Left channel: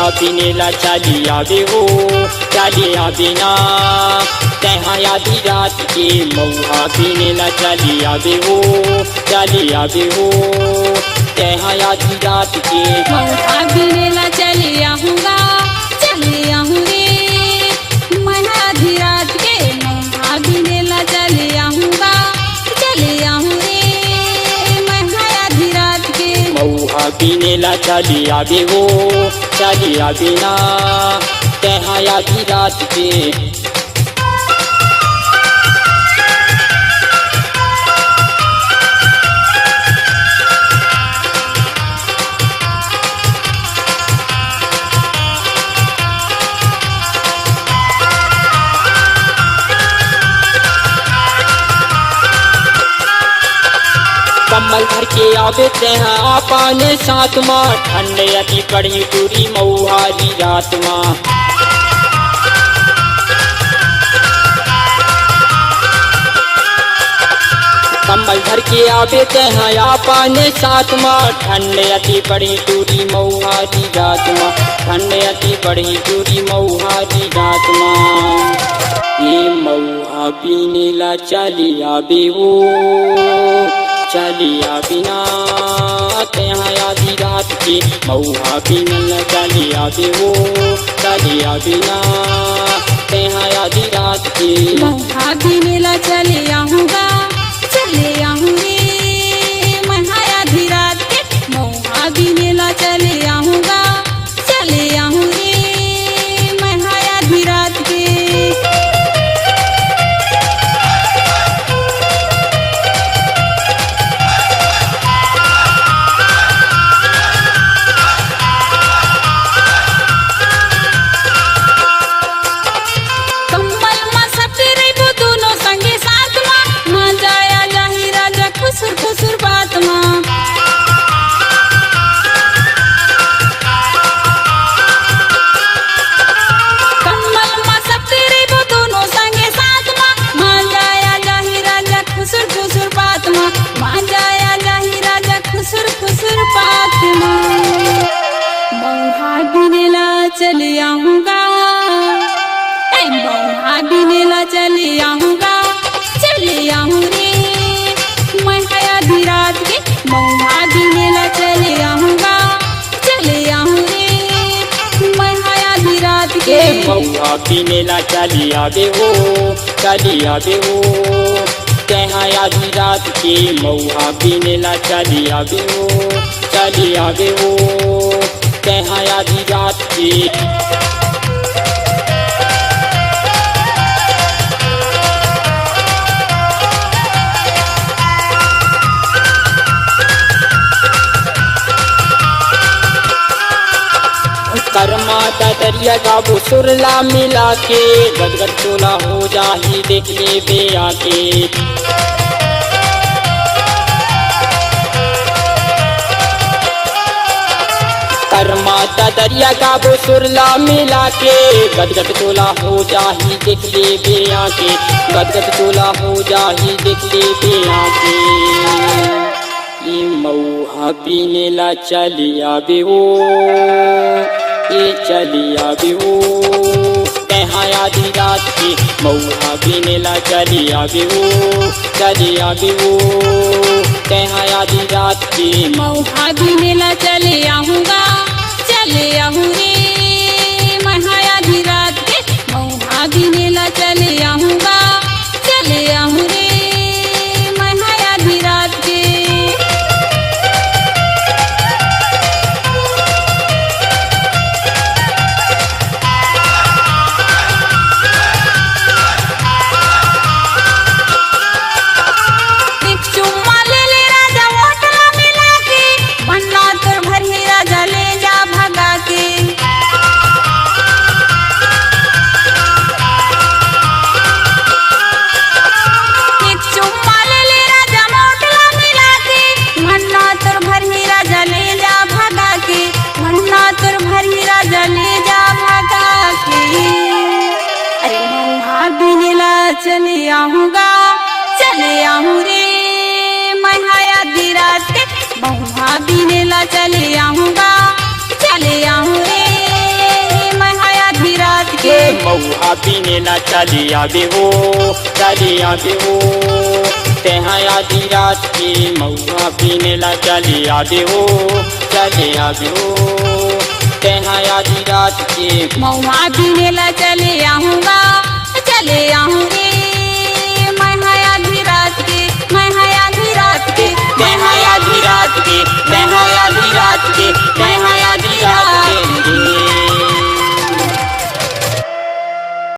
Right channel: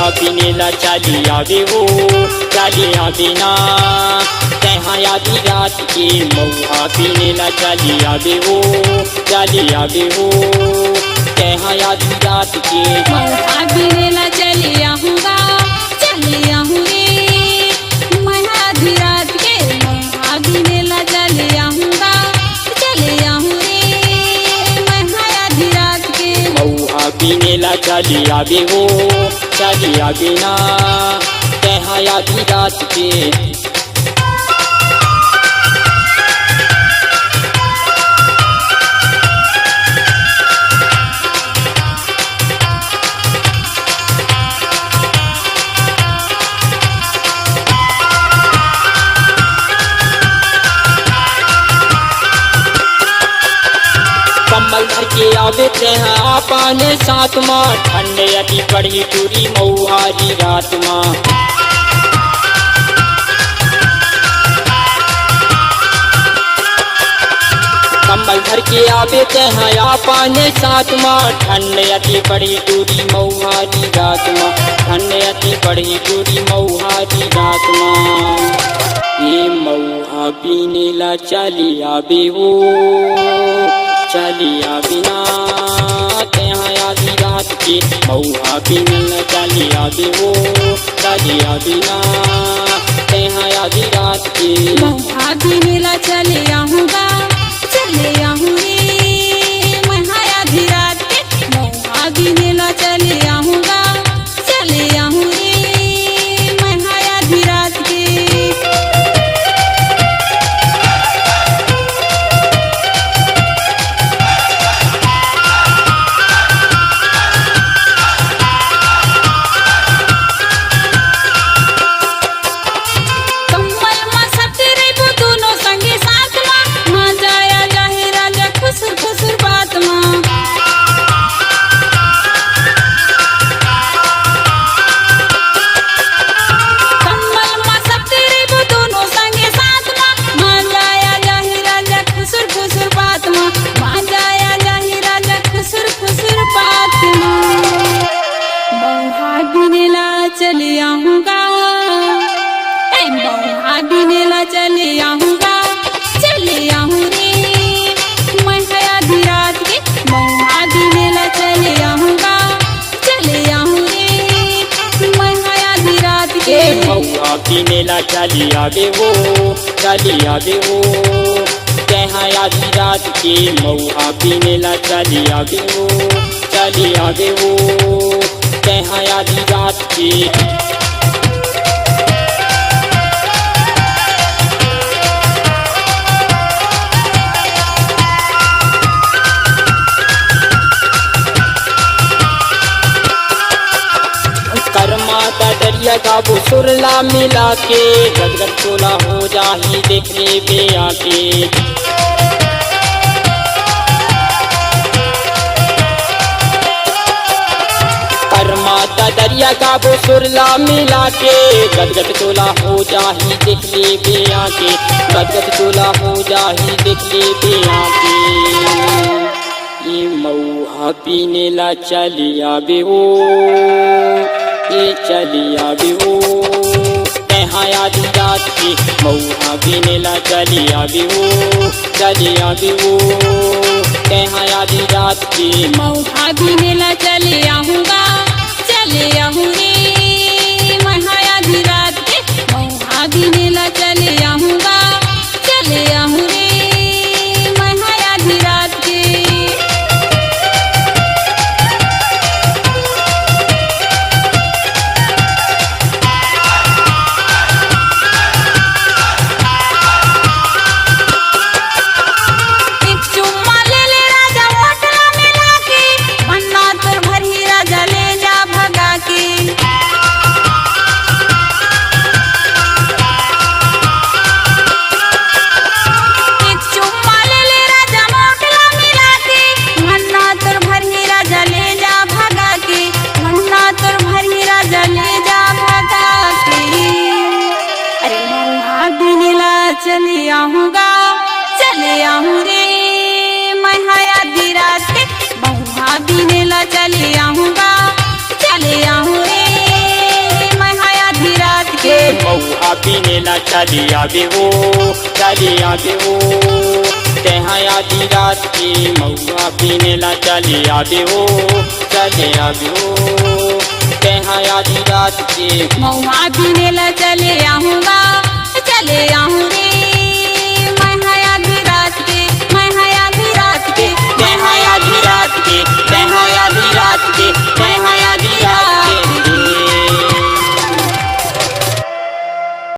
मऊहा बिनेला चली आवे हो चली आवे ना कहाँ आधी रात के मऊहा बिनेला चली आवे हो चली आवे हो कहाँ आधी रात के मऊहा बिनेला चली आऊँगा चली आऊँ रे मैं आधी रात के मऊहा बिनेला चली आऊँगा चली आऊँ रे मैं आधी रात के मऊहा बिनेला चली आवे हो चली आवे ना कहाँ आधी रात के कम्बल भर के आवे हैं आपने साथ माँ ठंडे अति पड़ी पूरी मऊहारी रात माँ कम्बल भर के आवे हैं आपने साथ माँ ठंडे अति पड़ी पूरी मऊहारी रात माँ ठंडे अति पड़ी पूरी मऊहारी रात माँ ये मऊहा बिनेला चली आवे हो चली आवे ना कहाँ आधी रात के मऊहा बिनेला चली आवे हो चली आवे ना कहाँ आधी रात के मऊहा बिनेला चली आऊँगा चली आऊँ रे मैं आधी रात के मऊहा बिनेला चली आऊँगा चली आऊँ रे मैं आधी रात के मऊहा बिनेला चली आऊँगा मऊहा बिनेला चली आऊँगा चली आऊँ रे मैं आधी रात के मऊहा बिनेला चली आऊँगा चली आऊँ रे मैं आधी रात के मऊहा बिनेला चली आवे हो चली आवे हो कहाँ आधी रात के मऊहा बिनेला चली आवे हो चली आवे हो कहाँ आधी रात की कर्माता दरिया गाबो सुरला मिला के गदगद तोला हो जाही देख ले बे आके माता दरिया गाबो सुरला मिला के गदगद तोला हो जाही देख ले बे आके गदगद तोला हो जाही देख ले बे आके ये मऊहा बिनेला चली आवे हो ये चली आवे हो कहाँ आधी रात की मऊहा बिनेला चली आवे हो चली आवे हो कहाँ आधी रात की मऊहा बिनेला चली आऊँगा चली आऊँ रे मैं आधी रात के मऊहा बिनेला चली आऊँगा चली आऊँ रे मैं आधी रात के एक चुम्मा ले ले राजा वासना मिला के बनना तर भर में राजा ले जा भगा के एक चुम्मा ले ले राजा वासना मिला के बनना तर भर में राजा ले जा भगा के बनना तर भर में राजा ले जा भगा के अरे मऊहा बिनेला चली आऊँगा चली आऊँ रे मैं आधी रात के मऊहा बिनेला चली आऊँगा चली आऊँ रे महुआ बिनेला चली आगे हो, चली आगे हो। कहाँ आधी रात की महुआ बिनेला चली आगे हो, चली आगे हो। कहाँ आधी रात की महुआ बिनेला चले आऊँगा, चले आऊँ रे